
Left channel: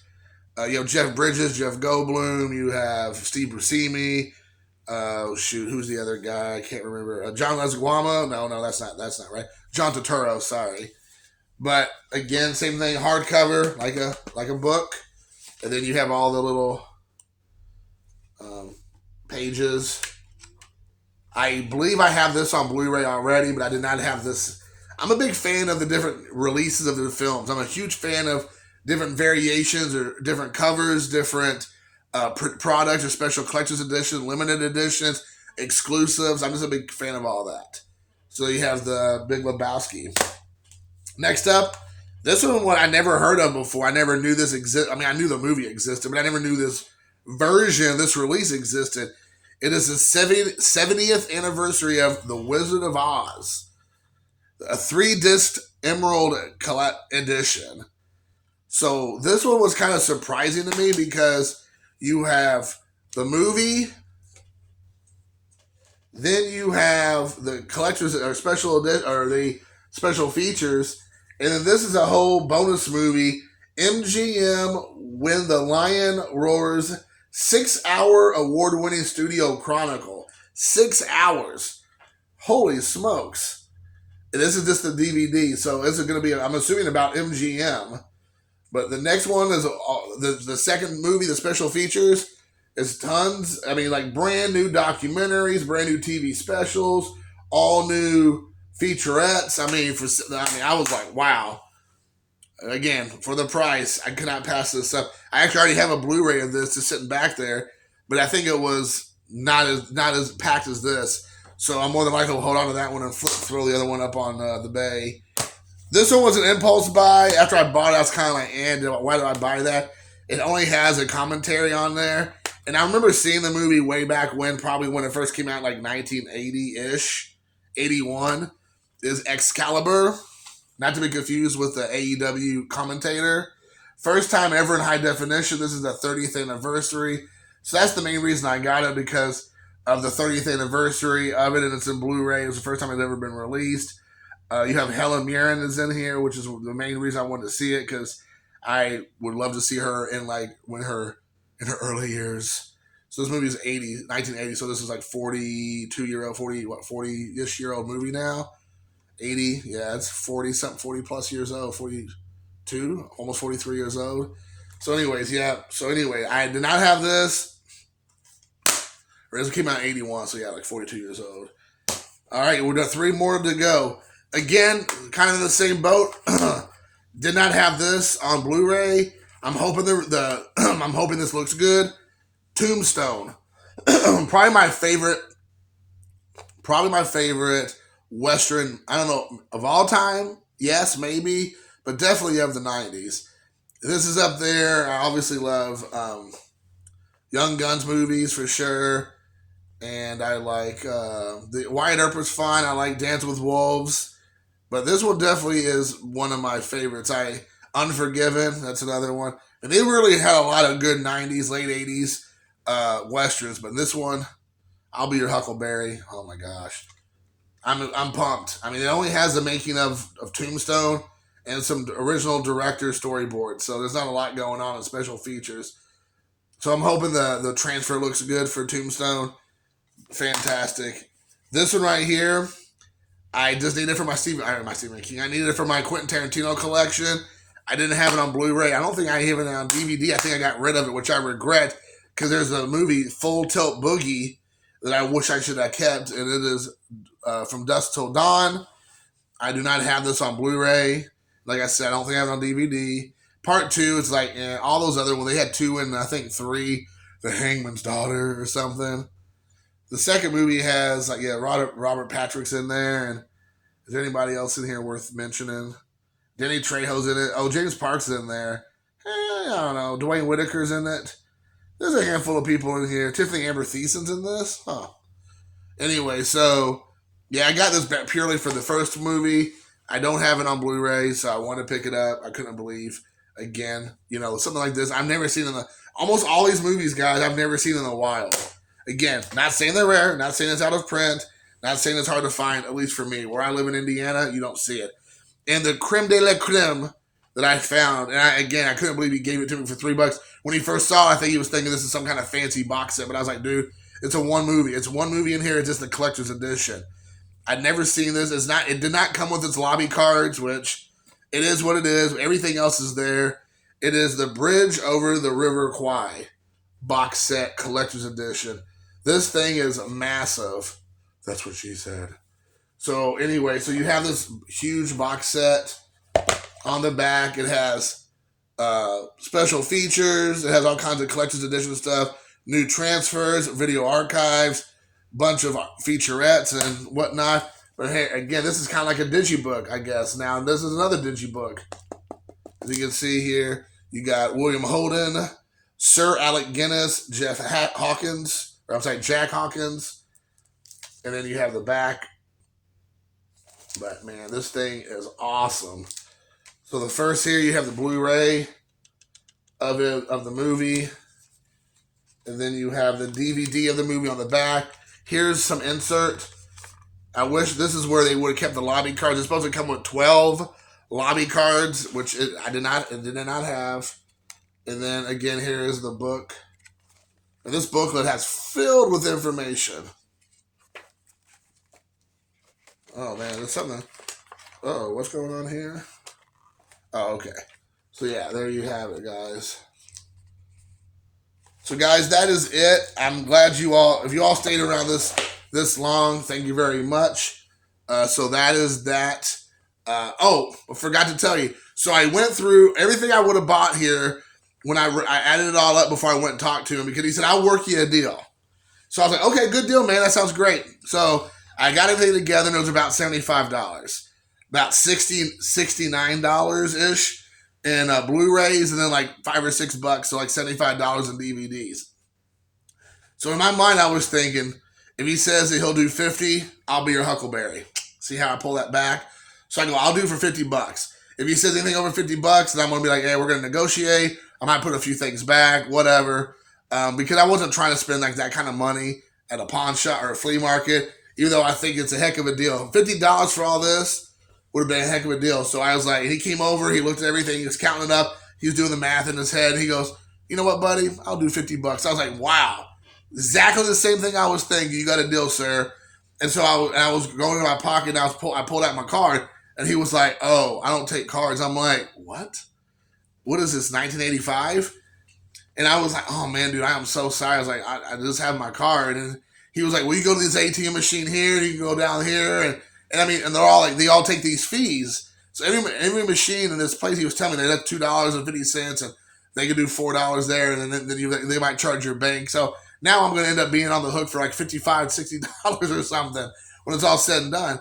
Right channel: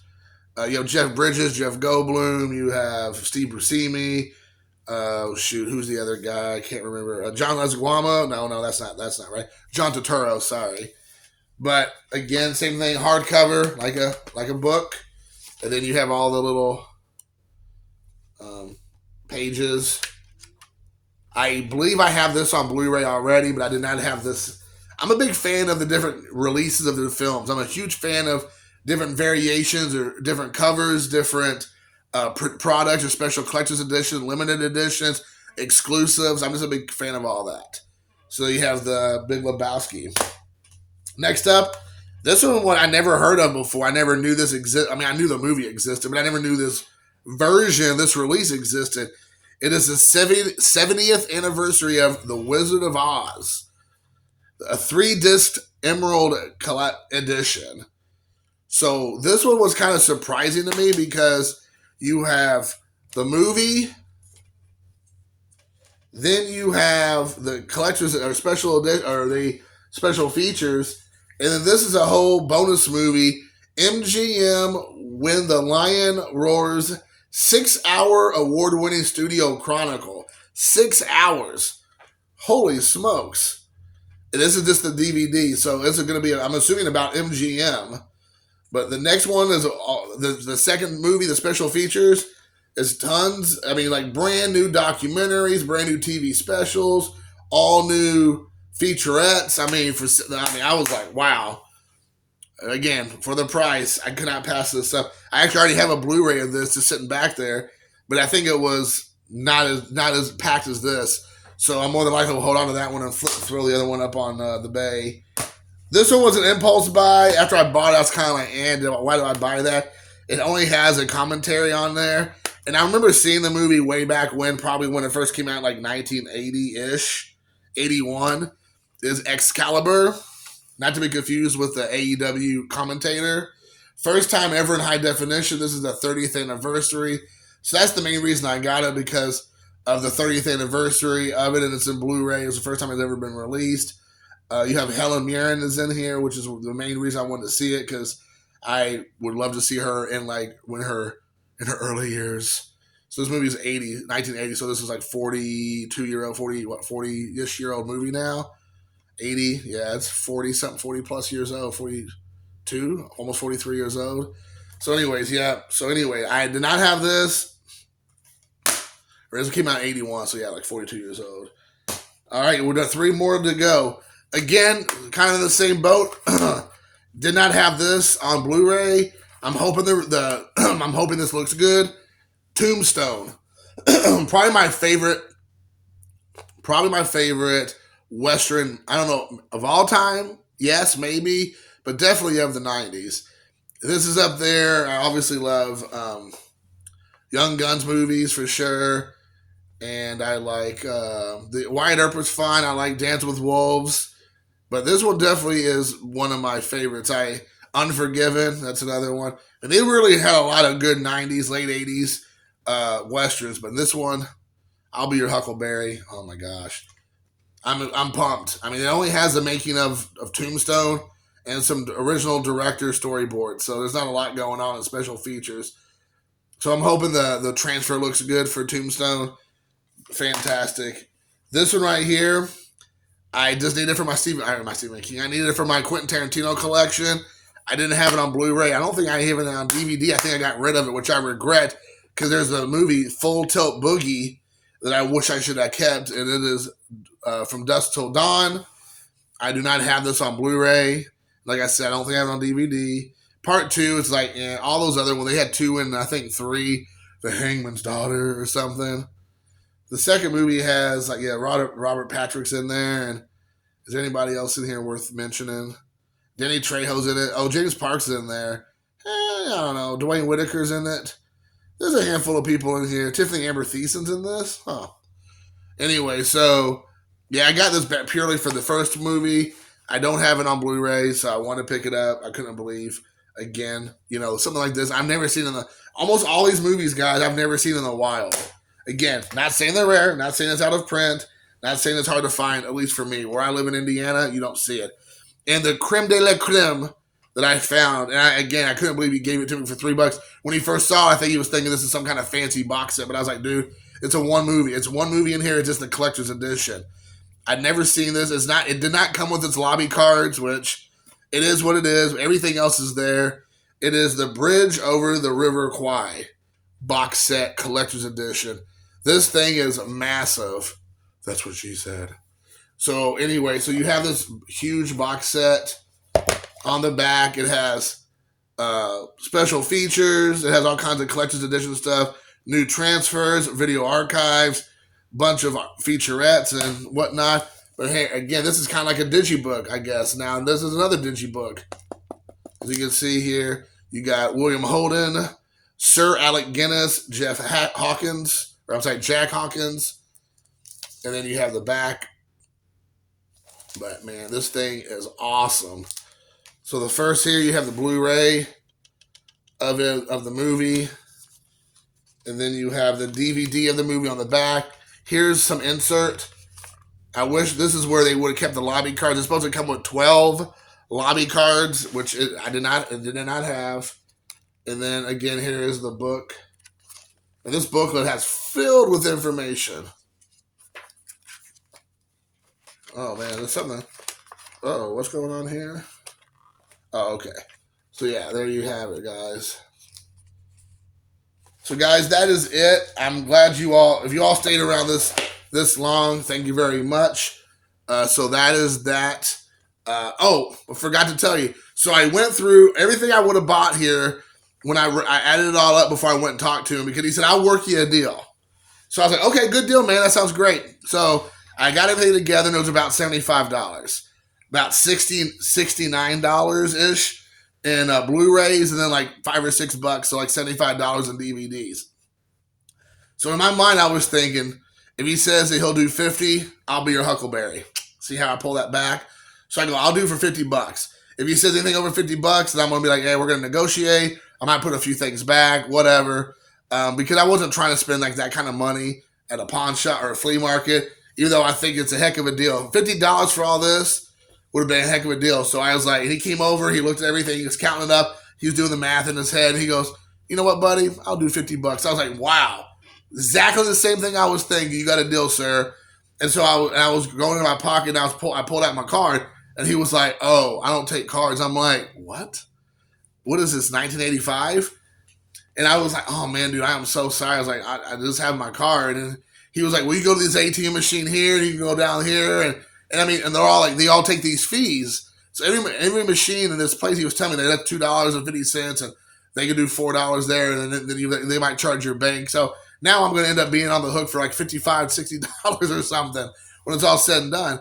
You have Jeff Bridges, Jeff Goldblum. You have Steve Buscemi. Who's the other guy? I can't remember. John Leguizamo. No, that's not right. John Turturro. Sorry. But again, same thing. Hardcover, like a book, and then you have all the little pages. I believe I have this on Blu-ray already, but I did not have this. I'm a big fan of the different releases of the films. I'm a huge fan of different variations or different covers, different products or special collector's edition, limited editions, exclusives. I'm just a big fan of all that. So you have The Big Lebowski. Next up, this one I never heard of before. I never knew this existed. I mean, I knew the movie existed, but I never knew this version, this release existed. It is the 70th anniversary of The Wizard of Oz, a 3-disc Emerald edition. So this one was kind of surprising to me because you have the movie, then you have the collector's or special edition or the special features, and then this is a whole bonus movie, MGM When the Lion Roars, 6-hour award-winning studio chronicle. 6 hours. Holy smokes. And this is just the DVD, so this is going to be, I'm assuming, about MGM. But the next one is the second movie, the special features, is tons. I mean, like brand new documentaries, brand new TV specials, all new featurettes. I was like, wow. Again, for the price, I could not pass this up. I actually already have a Blu-ray of this just sitting back there, but I think it was not as packed as this. So I'm more than likely to hold on to that one and throw the other one up on the bay. This one was an impulse buy. After I bought it, I was kind of like, why did I buy that? It only has a commentary on there. And I remember seeing the movie way back when, probably when it first came out, like 1980-ish, 81, is Excalibur. Not to be confused with the AEW commentator. First time ever in high definition. This is the 30th anniversary. So that's the main reason I got it, because of the 30th anniversary of it, and it's in Blu-ray. It was the first time it's ever been released. You have Helen Mirren is in here, which is the main reason I wanted to see it, because I would love to see her in in her early years. So this movie is 1980, so this is like 40-ish year old movie now. 80, yeah, it's 40 plus years old, 42, almost 43 years old. So anyways, I did not have this. Or it came out in 81, so yeah, like 42 years old. All right, we've got 3 more to go. Again, kind of in the same boat. Did not have this on Blu-ray. I'm hoping I'm hoping this looks good. Tombstone, probably my favorite, Western. I don't know of all time. Yes, maybe, but definitely of the '90s. This is up there. I obviously love Young Guns movies for sure, and I like the Wyatt Earp was fine. I like Dance with Wolves, but this one definitely is one of my favorites. Unforgiven, that's another one, and they really had a lot of good '90s, late '80s westerns. But this one, I'll Be Your Huckleberry. Oh my gosh, I'm pumped. I mean, it only has the making of Tombstone and some original director storyboards, so there's not a lot going on in special features. So I'm hoping the transfer looks good for Tombstone. Fantastic. This one right here, I just needed it for my Stephen King. I needed it for my Quentin Tarantino collection. I didn't have it on Blu-ray. I don't think I have it on DVD. I think I got rid of it, which I regret because there's a movie Full Tilt Boogie that I wish I should have kept, and it is From Dusk Till Dawn. I do not have this on Blu-ray. Like I said, I don't think I have it on DVD. Part 2, it's like all those other ones. They had 2 and I think 3, The Hangman's Daughter or something. The second movie has Robert Patrick's in there, and is there anybody else in here worth mentioning? Danny Trejo's in it. Oh, James Parks is in there. I don't know. Dwayne Whitaker's in it. There's a handful of people in here. Tiffany Amber Thiessen's in this. Huh. Anyway, so yeah, I got this purely for the first movie. I don't have it on Blu-ray, so I want to pick it up. I couldn't believe, again, something like this. I've never seen almost all these movies, guys, I've never seen in the wild. Again, not saying they're rare, not saying it's out of print, not saying it's hard to find, at least for me. Where I live in Indiana, you don't see it. And the creme de la creme that I found, and I couldn't believe he gave it to me for $3. When he first saw it, I think he was thinking this is some kind of fancy box set, but I was like, dude, it's one movie. It's one movie in here. It's just the collector's edition. I'd never seen this. It did not come with its lobby cards, which it is what it is. Everything else is there. It is the Bridge Over the River Kwai box set collector's edition. This thing is massive. That's what she said. So anyway, so you have this huge box set. On the back, it has special features. It has all kinds of collector's edition stuff, new transfers, video archives, bunch of featurettes and whatnot. But hey, again, this is kind of like a digibook, I guess. Now, this is another digibook. As you can see here, you got William Holden, Sir Alec Guinness, Jack Hawkins, and then you have the back. But man, this thing is awesome. So the first here, you have the Blu-ray of the movie, and then you have the DVD of the movie on the back. Here's some insert. I wish this is where they would have kept the lobby cards. It's supposed to come with 12 lobby cards, which it did not have. And then again, here is the book. And this booklet has filled with information. Oh man, there's something. Oh, what's going on here? Oh, okay. So yeah, there you have it, guys. So guys, that is it. I'm glad if you all stayed around this long, thank you very much. So that is that. I forgot to tell you. So I went through everything I would have bought here when I added it all up before I went and talked to him, because he said, I'll work you a deal. So I was like, okay, good deal, man. That sounds great. So I got everything together, and it was about $75. About $69-ish in Blu-rays, and then like $5 or $6, so like $75 in DVDs. So in my mind, I was thinking, if he says that he'll do 50, I'll be your Huckleberry. See how I pull that back? So I go, I'll do for $50. If he says anything over $50, then I'm gonna be like, hey, we're gonna negotiate. I might put a few things back, whatever, because I wasn't trying to spend like that kind of money at a pawn shop or a flea market. Even though I think it's a heck of a deal, $50 for all this would have been a heck of a deal. So I was like, he came over, he looked at everything, he was counting it up, he was doing the math in his head. He goes, you know what, buddy? I'll do $50. I was like, wow, exactly the same thing I was thinking. You got a deal, sir. And so I was going in my pocket, and I pulled out my card, and he was like, oh, I don't take cards. I'm like, what? What is this, 1985? And I was like, oh man, dude, I am so sorry. I was like, I just have my card. And he was like, well, you go to this ATM machine here, and you can go down here, and And I mean, and they're all like, they all take these fees. So every machine in this place, he was telling me, they had $2.50, and they could do $4 there, and then they might charge your bank. So now I'm going to end up being on the hook for like $55, $60 or something when it's all said and done.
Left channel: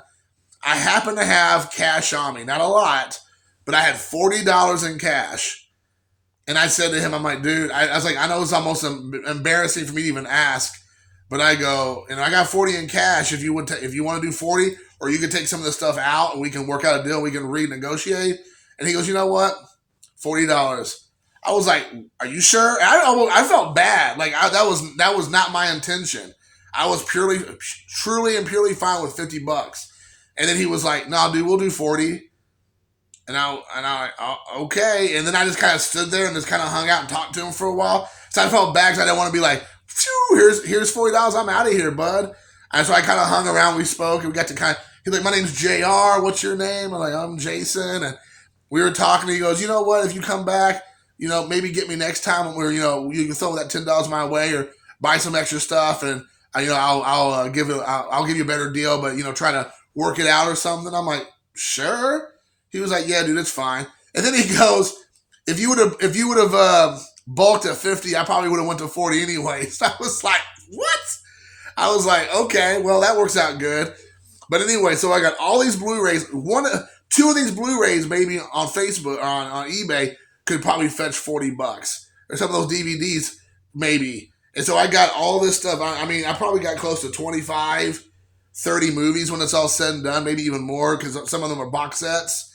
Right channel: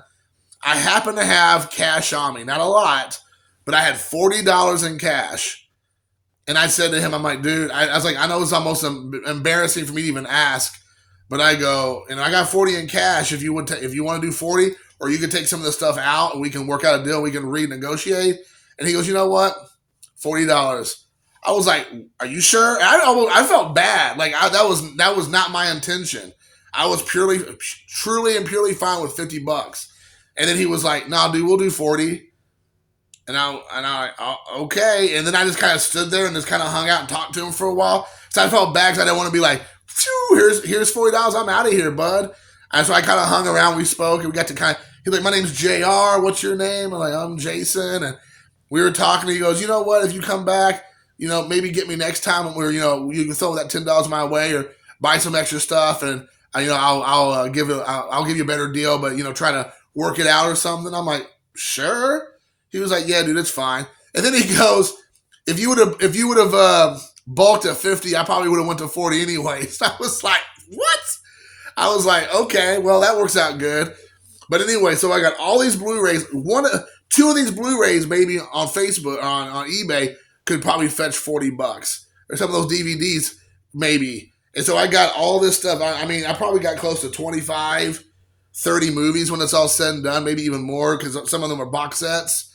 I happen to have cash on me, not a lot, but I had $40 in cash. And I said to him, I'm like, dude, I was like, I know it's almost embarrassing for me to even ask, but I go, I got 40 in cash. If you if you want to do 40, or you can take some of the stuff out, and we can work out a deal. We can renegotiate. And he goes, you know what? $40. I was like, are you sure? I felt bad. Like that was not my intention. I was truly and purely fine with $50. And then he was like, no, dude, we'll do 40. Okay. And then I just kind of stood there and just kind of hung out and talked to him for a while. So I felt bad because I didn't want to be like, here's $40. I'm out of here, bud. And so I kind of hung around. We spoke, and we got to he's like, my name's JR. What's your name? I'm like, I'm Jason. And we were talking, and he goes, you know what? If you come back, maybe get me next time where, you can throw that $10 my way, or buy some extra stuff. And, I'll give you a better deal, but, try to work it out or something. I'm like, sure. He was like, yeah, dude, it's fine. And then he goes, if you would have bulked at 50, I probably would have went to 40 anyway. So I was like, what? I was like, okay, well, that works out good. But anyway, so I got all these Blu-rays. Two of these Blu-rays, maybe on Facebook, on eBay, could probably fetch $40. Or some of those DVDs, maybe. And so I got all this stuff. I probably got close to 25, 30 movies when it's all said and done, maybe even more, because some of them are box sets.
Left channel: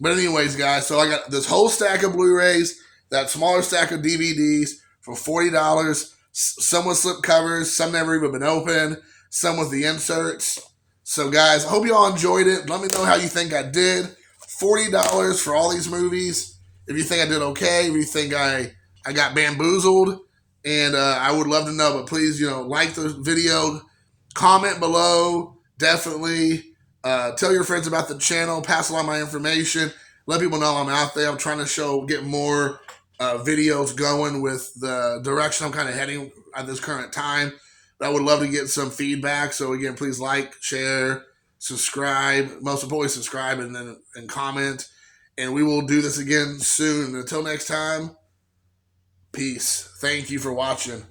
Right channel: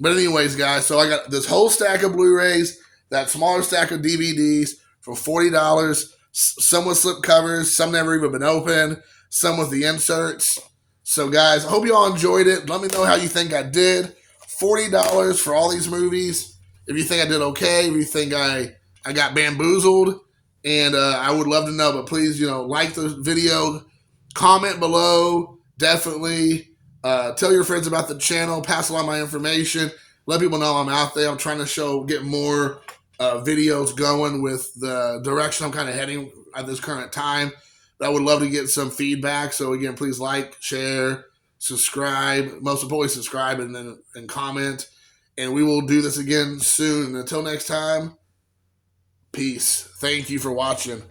But anyways, guys, so I got this whole stack of Blu-rays, that smaller stack of DVDs for $40. Some with slip covers, some never even been opened, some with the inserts. So, guys, I hope you all enjoyed it. Let me know how you think I did. $40 for all these movies. If you think I did okay, if you think I got bamboozled, and I would love to know. But please, like the video, comment below, definitely. Tell your friends about the channel. Pass along my information. Let people know I'm out there. I'm trying to get more videos going with the direction I'm kind of heading at this current time. But I would love to get some feedback. So again, please like, share, subscribe. Most importantly, subscribe and comment. And we will do this again soon. And until next time, peace. Thank you for watching.